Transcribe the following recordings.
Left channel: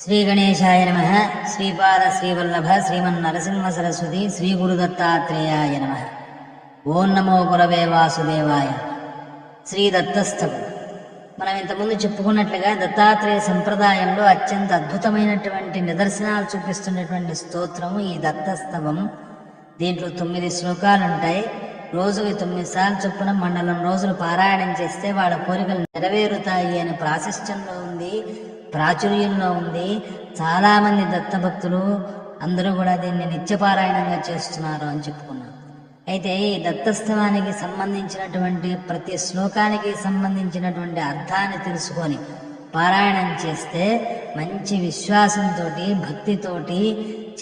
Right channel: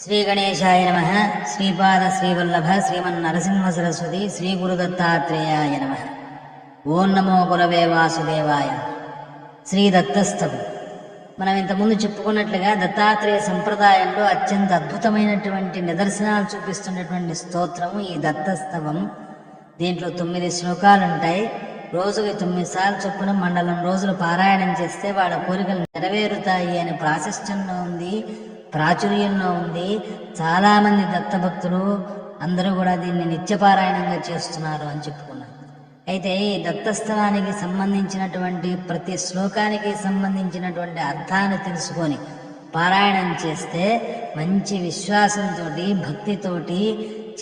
శ్రీ గణేశాయ నమః. శ్రీపాద శ్రీవల్లభ శ్రీమన్నరసింహ సరస్వతి శ్రీ గురుదత్తాత్రేయాయ నమః. ఓం నమో గురవే వాసుదేవాయ. శ్రీ దత్తస్తవం. మనం ఇంతకుముందు చెప్పుకున్నట్లుగా దత్తాత్రేయ సంప్రదాయంలో అత్యంత అద్భుతమైనటువంటి నిదర్శనాలు చూపిస్తున్నటువంటి స్తోత్రము ఈ దత్తస్తవం. దీంట్లో 9 శ్లోకాలుంటాయి. రోజుకి 9 సార్లు చొప్పున మండలం రోజులు పారాయణం చేస్తే వాళ్ళ కోరికలు నెరవేరుతాయి అనే ప్రాశస్త్యంలో ఉంది, ప్రాచుర్యంలో ఉంది. చాలా మంది దత్తభక్తులు అందరూ కూడా దీన్ని నిత్యపారాయణంగా చేస్తున్నారు అని చెప్పుకున్నాం. అయితే ఈ దత్తస్తవానికి సంబంధించినటువంటి ప్రతి శ్లోకానికి సంబంధించినటువంటి అర్థాన్ని తెలుసుకొని పారాయణం చేస్తే మంచి విశ్వాసంతో భక్తితోటి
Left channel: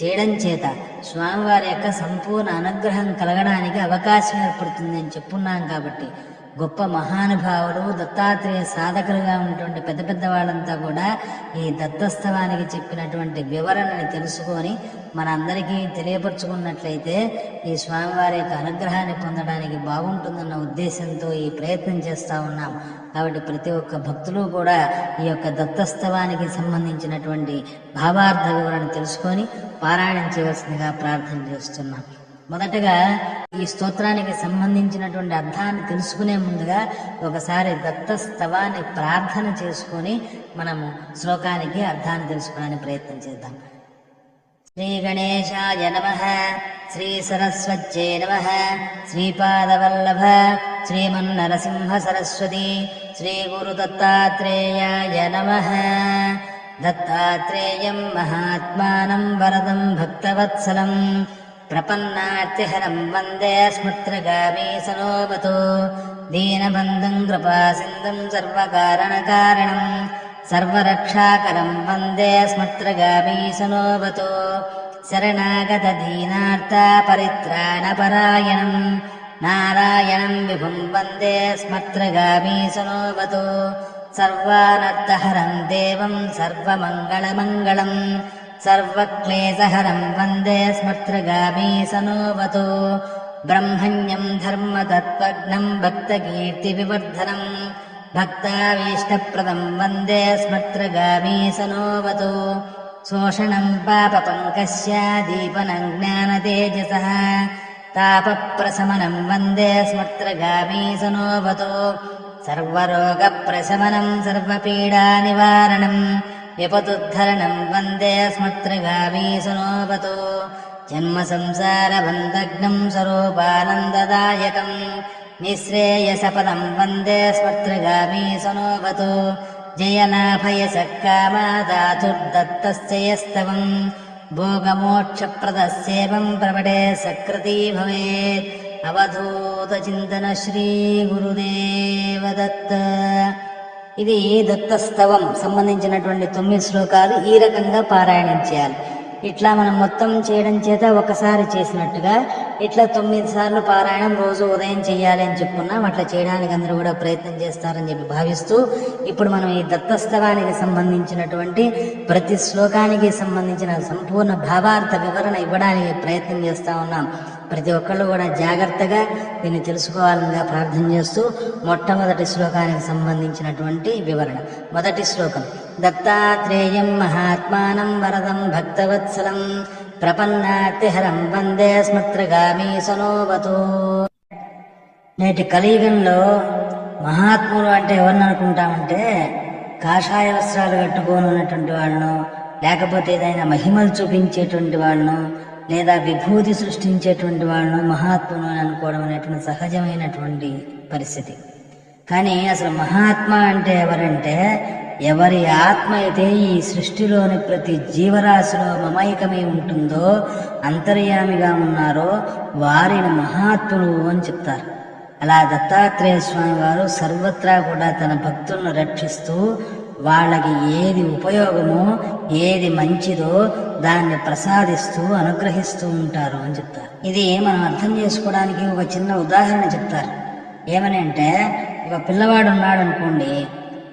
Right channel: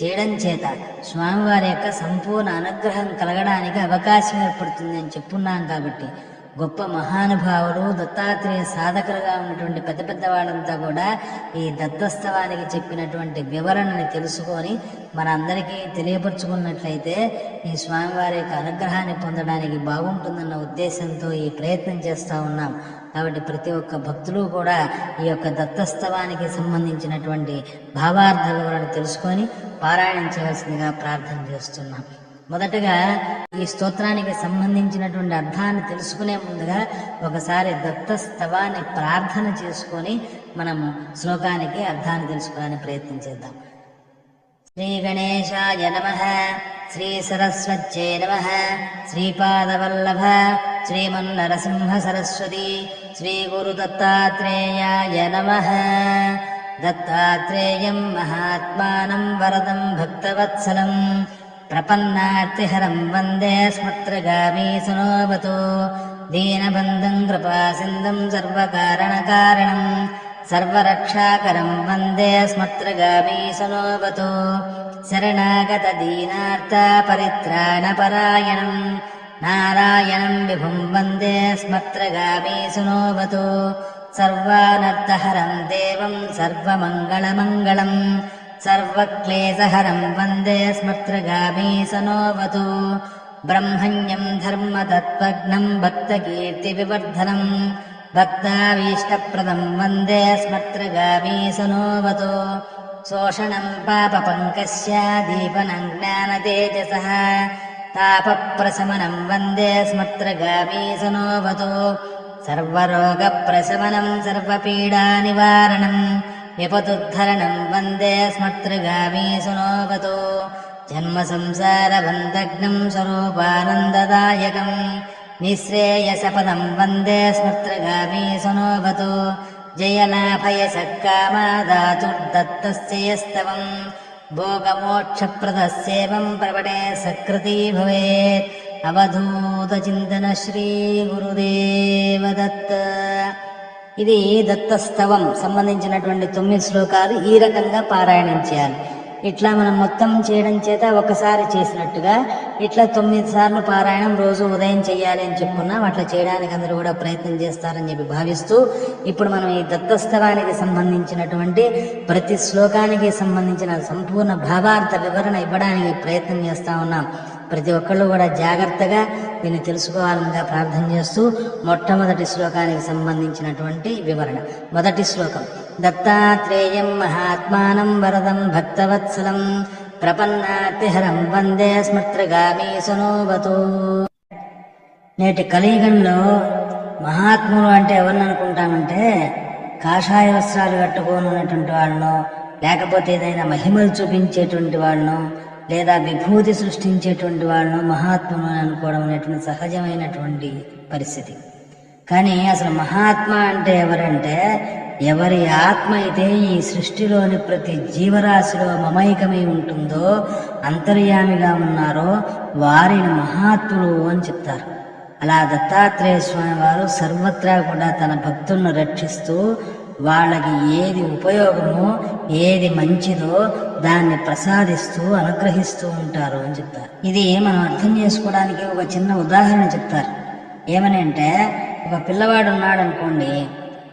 చేయడం చేత స్వామివారి యొక్క సంపూర్ణ అనుగ్రహం కలగడానికి అవకాశం ఏర్పడుతుంది అని చెప్పున్నాం. కాబట్టి గొప్ప మహానుభావులు దత్తాత్రేయ సాధకులుగా ఉన్నటువంటి పెద్ద పెద్ద వాళ్ళంతా కూడా ఈ దత్తస్తవానికి చెప్పినటువంటి వివరణని తెలుసుకొని మనందరికీ తెలియపరచుకున్నట్లయితే ఈ స్వామివారి యొక్క అనుగ్రహాన్ని పొందడానికి బాగుంటుందన్న ఉద్దేశంతో ఈ ప్రయత్నం చేస్తూ ఉన్నాం. కాబట్టి ప్రతి ఒక్క భక్తులు కూడా ఈ యొక్క దత్తస్తవానికి సంబంధించినటువంటి భావార్థ వివరణ తెలుసుకొని పారాయణం చేయవలసిందిగా ప్రార్థన చేస్తున్నాం. మొదటగా ఈ స్తోత్రానికి సంబంధించినటువంటి అర్థాన్ని తెలుసుకునే ముందుగా ఒకసారి దత్తస్తవాన్ని ప్రార్థన చేసుకొని మనము శ్లోకానికి అర్థాన్ని తెలుసుకోవడానికి ప్రయత్నం చేద్దాం. శ్రీ గణేశాయ నమః. శ్రీ సరస్వత్యై నమః. శ్రీపాదవల్లభ శ్రీమన్నరసింహ సరస్వతి శ్రీ గురు దత్తాత్రేయాయ నమః. దత్తాత్రేయం మహాత్మానం వరదం భక్తవత్సలం ప్రపన్నార్తిహరం వందే స్మృత్రగామీ సనోమతు. దీనబంధం కృపాసింధం సర్వకారణకారణం సర్వరక్షాకరం వందే స్మృత్రగామీ సనోమతు. శరణాగత దీనార్త పరిత్రాణపరాయణం నారాయణం విభుం వందే స్మృత్రగామీ సనోమతు. సర్వానర్థహరం దేవం సర్వమంగళమంగళం సర్వక్లేశహరం వందే స్మృత్రగామీ సనోవతు. బ్రహ్మణ్యం ధర్మతత్వజ్ఞం భక్తకీర్తి వివర్ధనం భక్తాభీష్టప్రదం వందే స్మృత్రగామీ సనోవతు. శోషణం పాపపంకస్య దీపనం జ్ఞానతేజసః తాపప్రశమనం వందే స్మృత్రగామీ సనోవతు. సర్వరోగప్రశమనం సర్వపీడానివారణం విపతుద్ధరణం వందే స్మృత్రగామీ సనోవతు. జన్మ సంసారబంధగ్నం స్వరూపానందదాయకం నిశ్రేయసపదం వందే స్మృత్రగామీ సనోవతు. జయలాభయసకామాదాతుర్దత్తస్యస్తవం భోగమోక్షప్రదస్యేవం ప్రవడే సకృతి భవేత్. అవధూతచింతన శ్రీ గురుదేవ దత్త. ఇది దత్తస్తవం సంబంధించినటువంటి 9 శ్లోకాలు ఈ రకంగా పారాయణం చేయాలి. ఇట్లా మనం మొత్తం చేయడం చేత ఒకసారి చేసినట్టుగా ఇట్లా 9 సార్లు పారాయణం రోజు ఉదయం చేయాలి అని చెప్పుకున్నాం. అట్లా చేయడానికి అందరూ కూడా ప్రయత్నం చేస్తారని చెప్పి భావిస్తూ ఇప్పుడు మనం ఈ దత్తస్తవానికి సంబంధించినటువంటి ప్రతి శ్లోకానికి సంబంధించిన సంపూర్ణ భావార్థ వివరణ ఇవ్వడానికి ప్రయత్నం చేస్తా ఉన్నాం. ప్రతి ఒక్కళ్ళు కూడా జాగ్రత్తగా దీన్ని తెలుసుకోవాలని ప్రార్థన చేస్తూ మొట్టమొదటి శ్లోకానికి సంబంధించినటువంటి వివరణ. మొదటి శ్లోకం. దత్తాత్రేయం మహాత్మానం వరదం భక్తవత్సలం ప్రపన్నార్తిహరం వందే స్మృత్రగామీ సనోవతు. నేటి కలియుగంలో మహాత్ములు అంటే ఎవరిని అనుకుంటామంటే కాషాయ వస్త్రాలు కట్టుకొని ఉన్నటువంటి వాళ్ళను, లేకపోతే ఏదైనా మహిమలు చూపించేటువంటి వాళ్ళను, లేదా విభూతి సృష్టించేటువంటి వాళ్ళను మహాత్ములు అనుకోవడం అనేటువంటి సహజమైనటువంటి పరిస్థితి. కానీ అసలు మహాత్మ అంటే ఎవరంటే ఎవరి ఆత్మ అయితే ఈ సృష్టిలోని ప్రతి జీవరాశిలో మమైకమై ఉంటుందో, అంతర్యామిగా ఉన్నారో వారిని మహాత్ములు అని చెప్తారు. అలా దత్తాత్రేయ స్వామి వారు సర్వత్రా కూడా తన భక్తులను రక్షిస్తూ వాళ్ళకి ఏది ఉపయోగమో ఏది మంచిదో దాన్ని ప్రసాదిస్తూ అనుగ్రహిస్తూ ఉంటారు అని చెప్తారు. ఇది మనం అర్థం చేసుకోవడానికి ఒక చిన్న ఉదాహరణ చెప్తారు. ఏమని అంటే, ఒక పిల్లవాడు ఉన్నాడు అనుకోండి,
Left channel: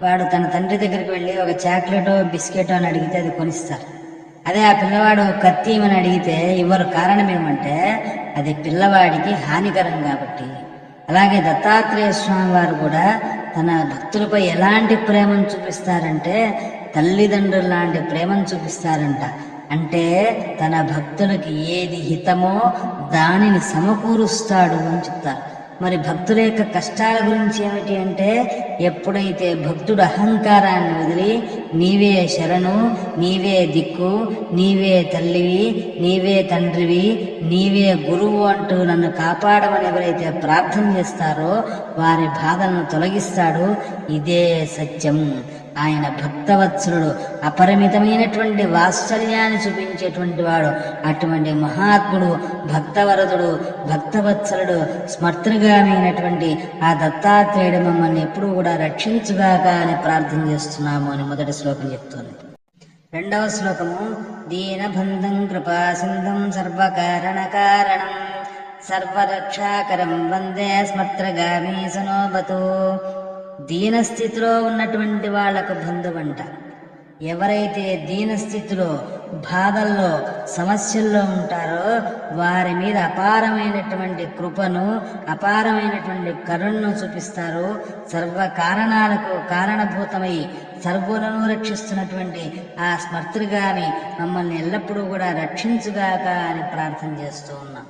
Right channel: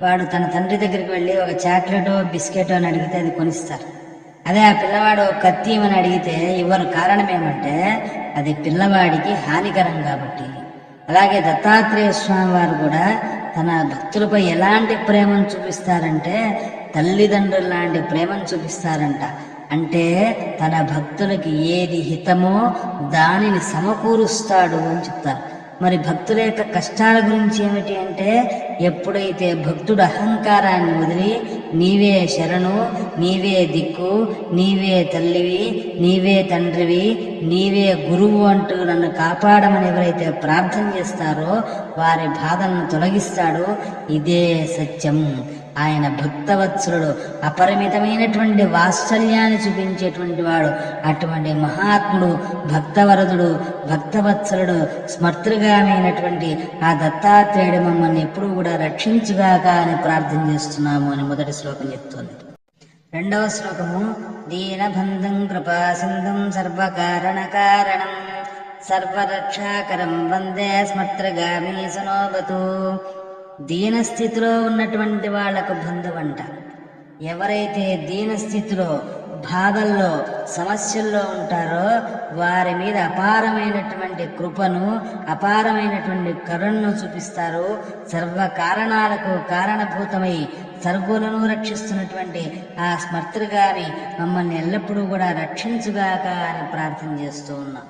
వాడు తన తండ్రి దగ్గరికి వెళ్ళి ఒక చాక్లెటో బిస్కెటో అని అడిగితే అది కొనిస్తారు. అదే ఆ పిల్లవాడు కత్తి అని అడిగితే ఇవ్వరు. కారణం ఏమంటే అది పిల్లవాడికి హానికరం కాబట్టి. అలాగే దత్తాత్రేయ స్వామి వారు కూడా తన భక్తులపై ఎలాంటి ప్రేమను చూపిస్తారంటే తల్లిదండ్రులు లాంటి ప్రేమను చూపిస్తారంట. అంటే తన భక్తులకి ఏది హితమో దానిని సమకూరుస్తాడు అని చెప్తారు. మరి భక్తుల యొక్క కష్టాల గురించి ఏమిటి అంటే, ఎప్పుడైతే భక్తుడు అహంకారాన్ని వదిలి నీవే శరణు, నీవే దిక్కు, నీవే తల్లివి, నీవే తండ్రివి, నీవే గురువు అంటూ నన్ను కాపాడమని ఎవరైతే ప్రార్థన చేస్తారో వారి బాధలను తొలగిస్తాడు. ఇదే సత్యం. ఆయన భక్తవత్సలుడు, అపరిమితమైనటువంటి వాత్సల్యాన్ని చూపించేటువంటి వాడు. అటువంటి మహాత్ముడు, భక్తవరదుడు, భక్తవత్సలుడు, స్మర్తృగామైనటువంటి ఆ దత్తాత్రేయుడు మమ్మల్ని ఎప్పుడూ కూడా రక్షించుగాక అని ప్రార్థన చేస్తున్నాము అని మొదటి శ్లోకం చెప్తోంది. రెండవ శ్లోకము, దీనబంధం కృపాసింధం సర్వకారణ కారణం సర్వరక్షాకరం వందే స్మర్తృగామి సనోబతో. దీనస్థితిలో ఉన్నటువంటి వాళ్లకు బంధువంట. ఎవరైతే దీనస్థితిలో, బాధల్లో, సమస్యల్లో ఉంటారో వారి మీద అపారమైనటువంటి కృపను, అపారమైనటువంటి కరుణను చూపిస్తారు. సర్వ కారణాలకు కారణభూతమై సర్వులను రక్షిస్తున్నటువంటి ఆ స్మర్తృగామి మమ్మల్ని ఎల్లప్పుడూ కూడా రక్షించుగాక అని ప్రార్థన చేస్తూ ఉన్నాం.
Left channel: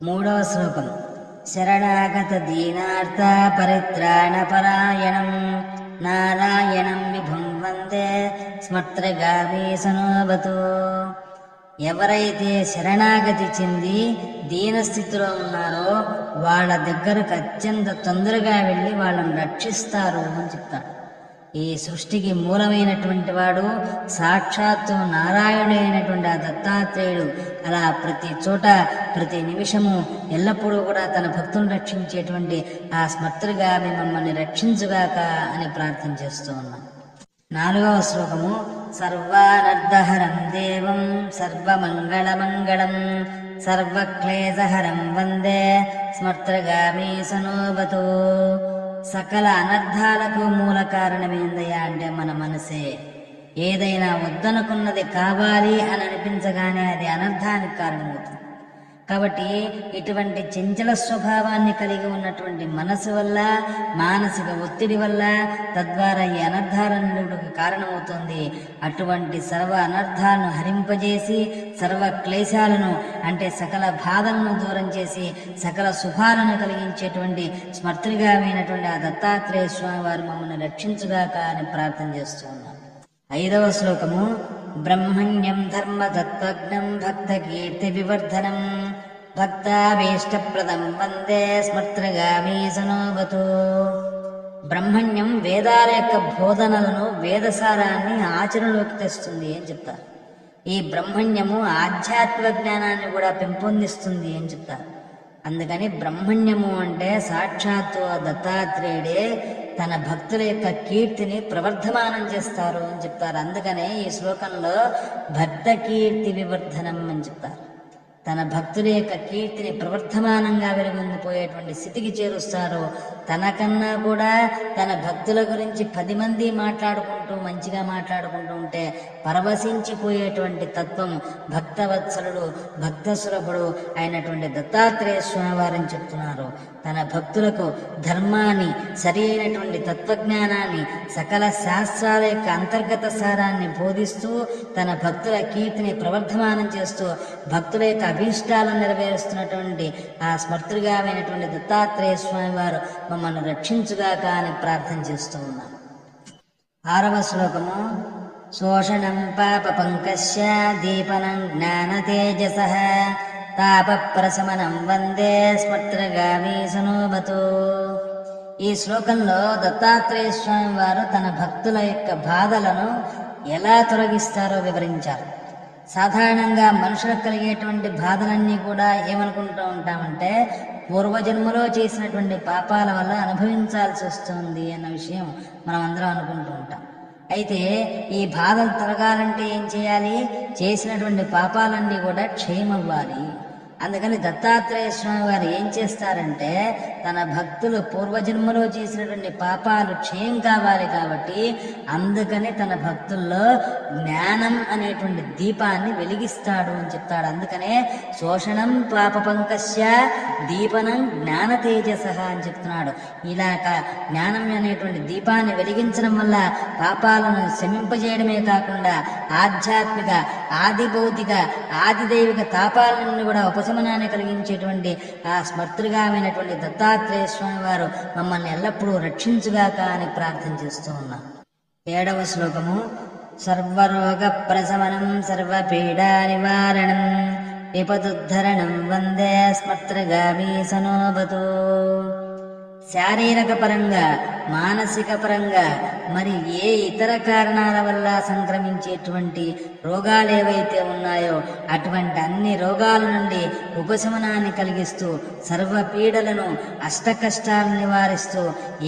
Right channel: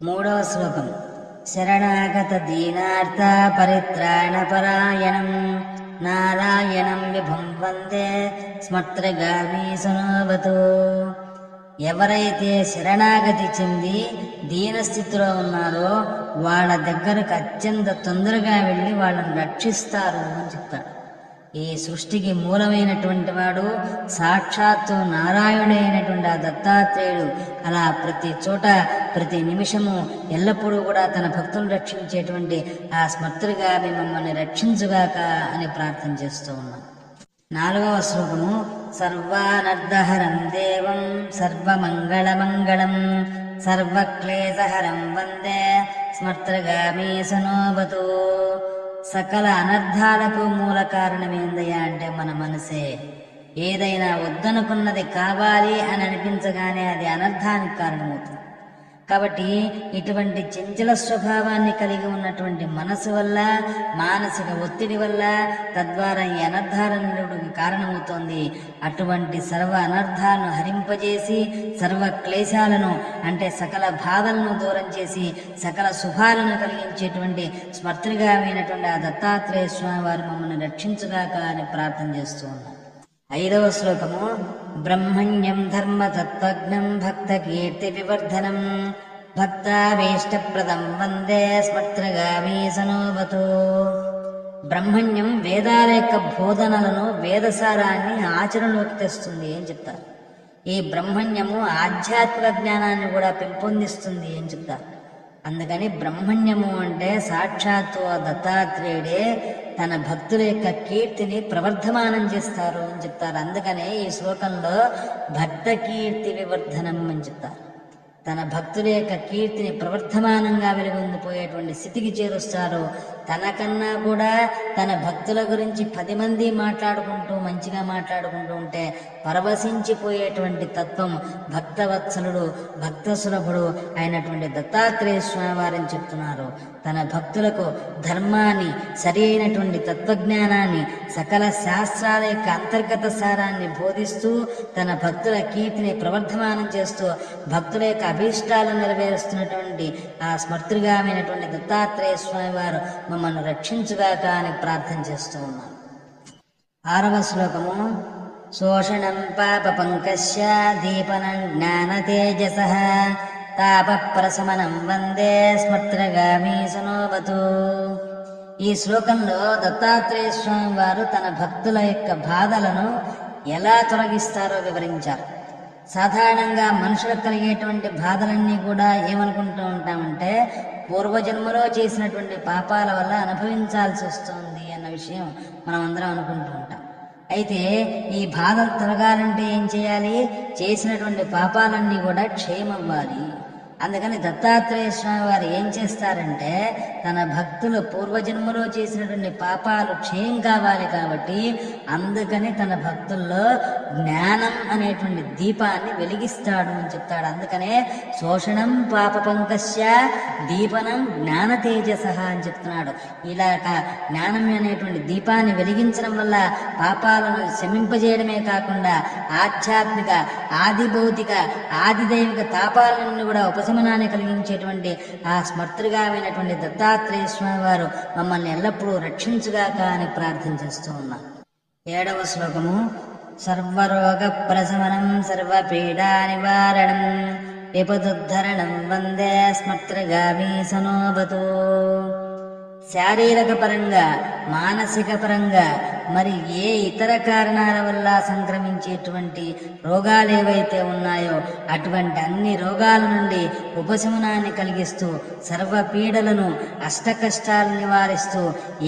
మూడవ శ్లోకం, శరణాగత దీనార్థ పరిత్రాణ పరాయణం నారాయణం విభుం వందే స్మర్తృగామి సనోబతో. ఎవరైతే శరణాగతి చెంది దీనస్థితిలో ఉన్నారో వాళ్ళ దగ్గరకు అత్యంత తొందరగా వెళ్ళి వాళ్ళని రక్షిస్తారు అని చెప్తారు. ఈ సృష్టికి మూలమైనటువంటి వాడు సాక్షాత్తు నారాయణుడైనటువంటి ఆ దత్తాత్రేయుడు అలా ప్రతి చోట, ప్రతి నిమిషము, ఎల్లప్పుడూ కూడా తన భక్తులను రక్షించేటువంటి ఆ స్మర్తృగామి మమ్మల్ని రక్షించుగాక అని ప్రార్థన చేస్తూ ఉన్నాం. నాలుగవ శ్లోకము, సర్వానర్ధహరం దేవం సర్వమంగళమంగళం సర్వక్లేశహరం వందే స్మర్తృగామి సనోబతో. సకల అనర్థాలకు మూల కారణమేందయ్యా అంటే మన మనసే. ఏదైనా వద్దనుకున్నది కావాలి అని అనిపించగానే అది అనర్థానికి కారణమవుతుంది. కాబట్టి ఇటువంటి చంచల స్వభావాన్ని కలిగి ఉన్నటువంటి మనసు వల్ల, మానసిక ఒత్తిడి వల్ల తద్వారా ఈ అనర్థాలన్నిటికి కారణమవుతోంది. అటువంటి సర్వ అనర్థాలను హరింపజేసి సర్వ క్లేశాలను అంటే సకల బాధలను దూరం చేసి సకల శుభాలను కలిగించేటువంటి స్మర్తృగామైనటువంటి ఆ దత్తాత్రేయ స్వామి వారు మమ్మల్ని రక్షించుగాక అని ప్రార్థన చేస్తూ ఉన్నాం. ఐదవ శ్లోకము, బ్రహ్మణ్యం ధర్మతత్వజ్ఞం భక్త కీర్తి వివర్ధనం భక్తాభీష్టప్రదం వందే స్మర్తృగామి సనోబతో. బ్రహ్మణ్యం వేదాల యొక్క బోధనలను, వేదసారాన్ని ఆచరణలోకి తెస్తుంది అని చెప్తారు. ఈ బ్రహ్మణ్యము ఆధ్యాత్మిక జ్ఞానాన్ని కూడా పెంపొందిస్తుంది అని చెప్తారు. అందుకని బ్రహ్మణ్యము అంటే సాక్షాత్తు దత్తాత్రేయుడే తన భక్తుల యొక్క కీర్తిని ప్రవర్ధమానం చేస్తారు అని చెప్తారు. అందుకనే ఈ శ్లోకంలో భక్త కీర్తి వివర్ధనం అని చెప్తారు. తన భక్తుల యొక్క కీర్తిని ప్రవర్ధమానంగా వెలుగొందిపోయేటువంటి స్థితికి చేరుస్తారు. తనకన్నా కూడా తన భక్తుల గురించి 10 మంది మాట్లాడుకుంటూ, మంచిగా మాట్లాడుకుంటూ ఉంటే పరవశించిపోయేటువంటి తత్వం భక్తవత్సలుడు, భక్త సులభుడు అయినటువంటి దత్తాత్రేయ స్వామి వారిని చెప్తున్నారు. తన భక్తులకు ధర్మాన్ని, సరి అయినటువంటి తత్వజ్ఞానాన్ని, సకల శాస్త్రాల యొక్క అంతర్గత సారాన్ని బోధిస్తూ తన భక్తుల కీర్తిని ప్రవర్ధమానం చేస్తూ భక్తుల యొక్క అభీష్టాలను నెరవేరుస్తున్నటువంటి ఆ స్మర్తృగామైనటువంటి దత్తాత్రేయ స్వామి వారు మమ్మల్ని రక్షించుగాక అని ప్రార్థన చేస్తూ ఉన్నాం. 6వ శ్లోకము, శోషణం పాప పంకస్య దీపనం జ్ఞాన తేజసః తాపప్రశమనం వందే స్మర్తృగామి సనోబతో. ఈ శ్లోకంలో దత్తాత్రేయ స్వామి వారు తన భక్తుల యొక్క బాధలను ఎలా తొలగిస్తారో వివరించారు. సాధారణంగా మనుషులకు కలిగేటువంటి బాధలన్నీ కూడా ఏమనుకుంటూ ఉంటామంటే పూర్వజన్మలో చేసినటువంటి పాపాల వల్ల అనుభవించాల్సి వస్తుంది అన్న విషయం మనం అందరం అనుకుంటూ ఉంటాం. అయితే ఈ బాధలు తొలగాలంటే ఏం చేయాలి? చేసినటువంటి పాపాలన్నీ కూడా క్షయమవ్వాలి. అందుకని దత్తాత్రేయ స్వామి వారు ఏం చేస్తారంటే తన భక్తులు పూర్వజన్మలో చేసినటువంటి పాపాలు క్షయం కావాలి కాబట్టి అందుకని తన భక్తుల్లో జ్ఞానం అనేటువంటి దీపాన్ని వెలిగిస్తాడు అని చెప్తాడు. అందుకనే శోషణం పాప పంకస్య దీపనం జ్ఞాన తేజస అని చెప్తున్నాడు. ఇలా జ్ఞానం అనేటువంటి దీపాన్ని వెలిగించడం వల్ల పాపాలను శమింపజేయడమే కాకుండా ఆధ్యాత్మిక ఆది భౌతిక ఆదిదైవిక తాపాలను కూడా ఉపశమనాన్ని కలిగించేటువంటి ఆ స్మర్తృగామైనటువంటి దత్తాత్రేయ స్వామి వారు మమ్మల్ని ఎల్లప్పుడూ రక్షించుగాక అని ప్రార్థన చేస్తూ ఉన్నాం. 7వ శ్లోకము. సర్వరోగ ప్రశమనం సర్వపీడా నివారణం విపదుద్ధరణం వందే స్మర్తృగామి సనోభతు. శారీరక పరంగా మానసిక పరంగా మరి ఏ ఇతర కారణాల వల్ల సంక్రమించేటువంటి రోగాలు ఏవైతే ఉన్నాయో అటువంటి అన్ని రోగాల నుండి ఉపశమనాన్ని కలిగిస్తూ సర్వ పీడలను అష్ట కష్టాలను నివారిస్తూ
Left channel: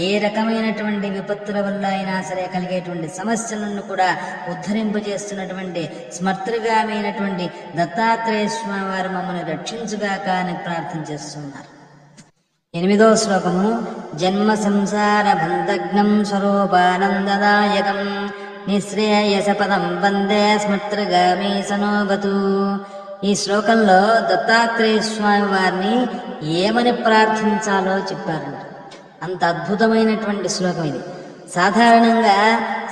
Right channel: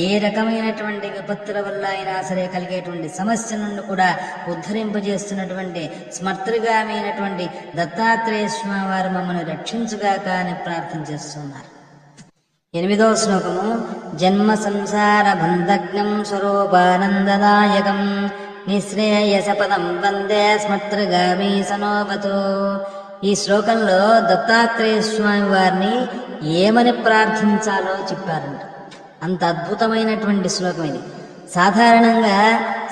ఏ రకమైనటువంటి విపత్తుల వల్ల అయినా సరే కలిగేటువంటి సమస్యలను కూడా ఉద్ధరింపజేస్తున్నటువంటి స్మర్తృగామైనటువంటి దత్తాత్రేయ స్వామి వారు మమ్మల్ని రక్షించుగాక అని ప్రార్థన చేస్తున్నారు. 8వ శ్లోకము. జన్మ సంసార బంధగ్నం స్వరూపానందదాయకం నిశ్రేయసపదం వందే స్మర్తృగామి సనోభతు. ఈ శ్లోకంలో దత్తాత్రేయ స్వామి వారిని ఏమని ప్రార్థించాలో చెప్పారంట. అంత అద్భుతమైనటువంటి శ్లోకం ఇది. సాధారణంగా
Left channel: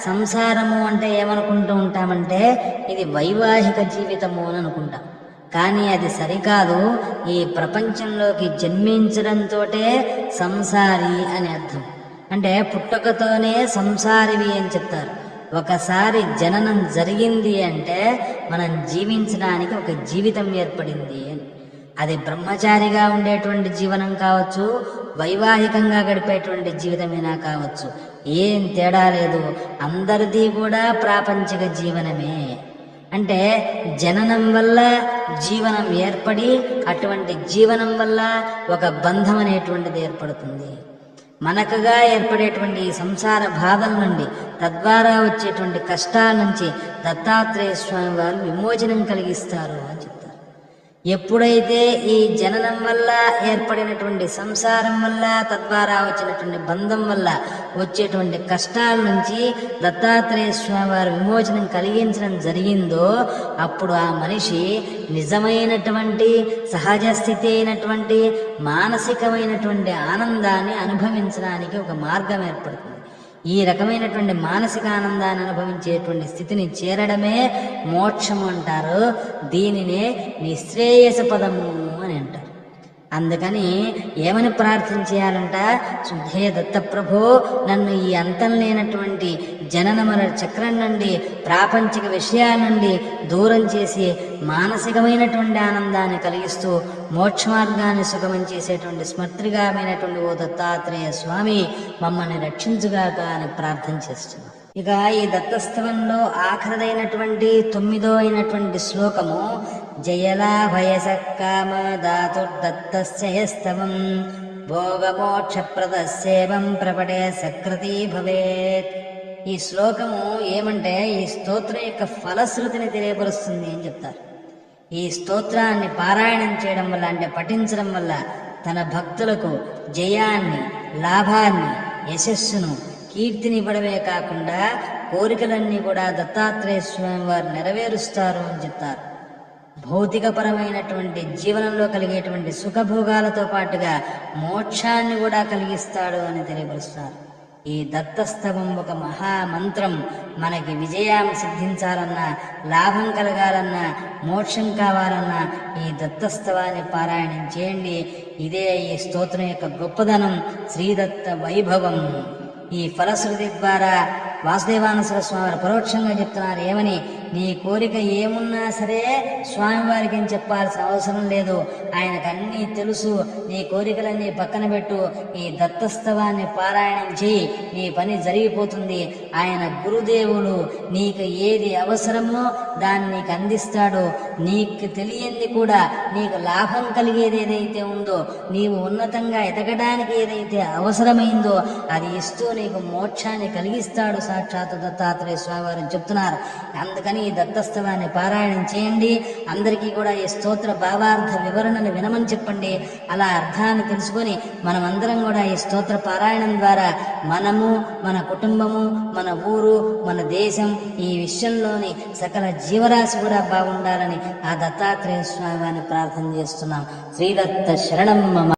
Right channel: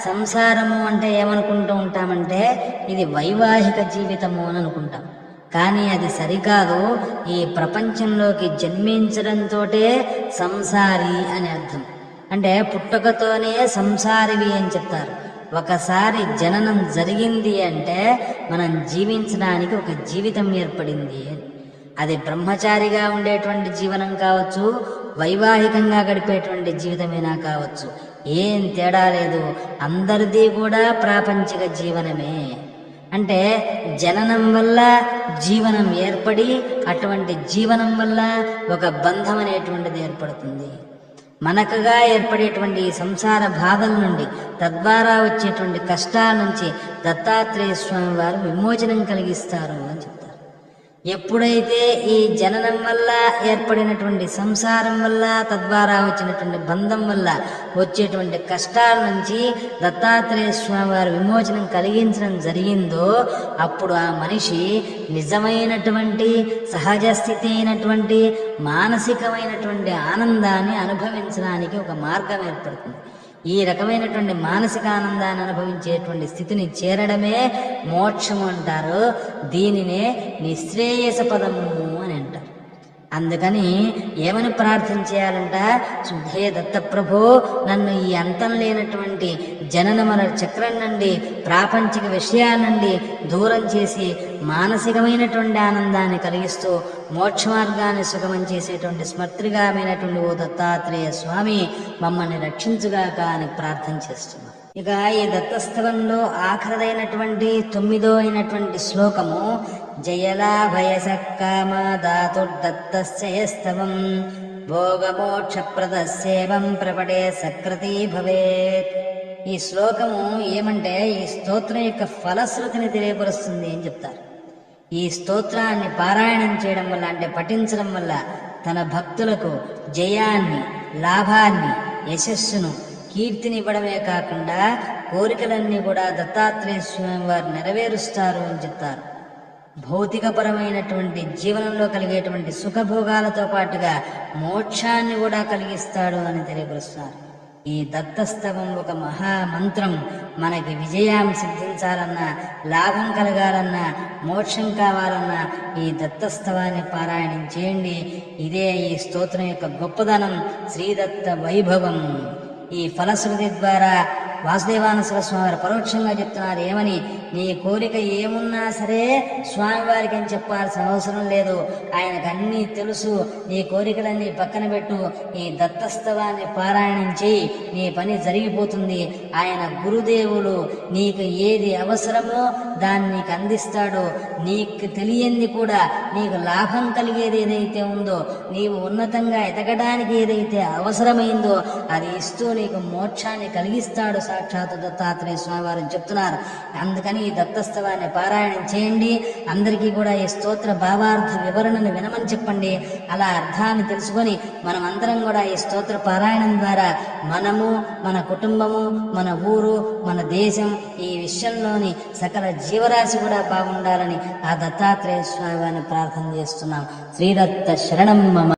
సంసారము అంటే ఏమనుకుంటూ ఉంటామంటే ఇది వైవాహిక జీవితము అని అనుకుంటాం. కానీ అది సరికాదు. ఈ ప్రపంచంలోకి జన్మించడంతోటే సంసారి అని అర్థం. అంటే పుట్టుకతోనే సంసారివి అని చెప్తారు. ఒకసారి జననం జరిగింది అంటే మనం జీవించడానికి ఒక జీవితం ఏర్పడింది అని. అది బ్రహ్మచారిగా ఉండేటువంటి జీవనం కావచ్చు, వైవాహికంగా గడిపేటువంటి జీవితమైనా కావచ్చు, ఏం తేడా లేదు. అందరిది కూడా ప్రాపంచిక జీవనమే. అంటే జననం వల్ల జీవనం ఏర్పడి అటువంటి జీవనం వల్ల ఒక బంధం అనేటువంటిది ఏర్పడుతుంది. మనకుగా ఏర్పడేటువంటి సంసార బాధల నుండి తద్వారా వచ్చేటువంటి కష్టాల నుంచి దత్తాత్రేయ స్వామి వారు విమోచనం కలిగిస్తారు అని చెప్తారు. ఎప్పుడైతే ఈ జననం వల్ల ఏర్పడినటువంటి సంసారం వల్ల తద్వారా వచ్చినటువంటి బంధం వల్ల వచ్చేటువంటి కష్టాల నుంచి దత్తాత్రేయ స్వామి వారు విమోచనం కలిగించడం జరిగిందో అప్పుడు ఆ మనిషి నిజమైనటువంటి సహజ స్థితి అయినటువంటి మానసికమైనటువంటి ఆనందాన్ని అనుభవించడానికి ఒక మార్గం ఏర్పడుతుంది. ఈ రకమైనటువంటి మానసిక ఆనందాన్ని అనుభవించేటువంటి స్థితిని చేరడమే మోక్షము అంటారు. దీనినే నిశ్రేయస పదము అని అంటారు. అందుకని ఏమని ప్రార్థన చేయాలంట? శుద్ధే దత్తప్రభో, నన్ను ఈ అంతం లేనటువంటి జనన మరణ చక్రం నుండి ప్రాపంచిక విషయాల నుండి దూరం చేసి మానసికమైనటువంటి ఆనందాన్ని కలిగిస్తూ మోక్ష మార్గాన్ని సుగమం చేసేటువంటి స్మర్తృగామైనటువంటి ఓ దత్తాత్రేయ స్వామి మమ్మల్ని రక్షించుగాక అని ప్రార్థన చేస్తున్నాం. ఇక ఈ దత్తస్థవంలో ఆఖరిదైనటువంటి 9వ అయినటువంటి శ్లోకము. జయలాభయసక్కామదాతుర్దత్తస్యస్తవం భోగమోక్షప్రదస్యేవం ప్రపటే సకృతి భవేత్. ఈ శ్లోకము ఏమంటే ఈ స్తోత్రం యొక్క ఫలశ్రుతిని తెలియపరుస్తుంది అని చెప్తారు. ఈ స్తోత్రాన్ని పారాయణం చేయడం వల్ల అంటే పఠించడం వల్ల తన భక్తులకు జయాన్ని, లాభాన్ని, యశస్సును, కీర్తిని ఇవ్వడమే కాకుండా కోరికలన్నీ కూడా దత్తాత్రేయ స్వామి వారు నెరవేరుస్తారు అని చెప్తారు. భౌతికపరమైనటువంటి జీవనంలో కలిగేటువంటి సుఖభోగాలతో పాటుగా మోక్షాన్ని కూడా కలిగిస్తాడు అని తెలియపరుస్తారు. ఈ దత్తస్తవం ఒక మహామంత్రం. మనకి విజయం సిద్ధించాలన్నా, లాభం కలగాలన్నా, మోక్షం కావాలన్నా ఈ దత్తస్తవాన్ని పారాయణం చేయండి. ఇదే ఈ స్తోత్రం యొక్క గొప్పదనం, శ్రీదత్త వైభవం. ఈ ఫలశ్రుతి ద్వారా వాసుదేవానంద స్వామి వారు పరోక్షంగా చెప్తున్నారు ఏమని? నీ కోరిక ఏమున్నా సరే స్వామివారికి అని చెప్పాల్సిన అవసరం లేదు. ఆయనకు అన్నీ తెలుసు. నీ కోరికలన్నీ పక్కన పెట్టు, ఈ దత్తస్తవాన్ని పారాయణం చేయి, నీ పని జరిగిపోతుంది. ఆయన గురుదేవులు, నీకు ఏది అవసరమో దాన్ని నీకు అందిస్తాడు. నీకు తెలియంది కూడా, నీకు లాభం కలిగేది ఏదైతే ఉందో, నీవు ఉన్నతంగా ఎదగడానికి ఏదైతే అవసరమైందో అది ఇస్తూ నీకు మోక్షాన్ని కలిగిస్తాడు సాక్షాత్ దత్తాత్రేయ స్వామి వారు చెప్తున్నారు. అందుకని ఈ దత్తస్తవాన్ని పారాయణం చేయండి. అందరికీ కూడా ఈ స్తోత్ర భావార్థ వివరణలు వినమని చెప్పండి. అలా అర్థాన్ని తెలుసుకొని మనం అందరం కూడా ఈ స్తోత్ర పారాయణం ద్వారా మనము, మన కుటుంబము, మన ఊరు, మన దేశం, ఈ విశ్వంలోని సకల జీవరాశి కూడా బాగుండాలని ఆ దత్తాత్రేయ స్వామి వారిని ప్రార్థన చేస్తున్నాం. శ్రీదత్త శరణం మమ.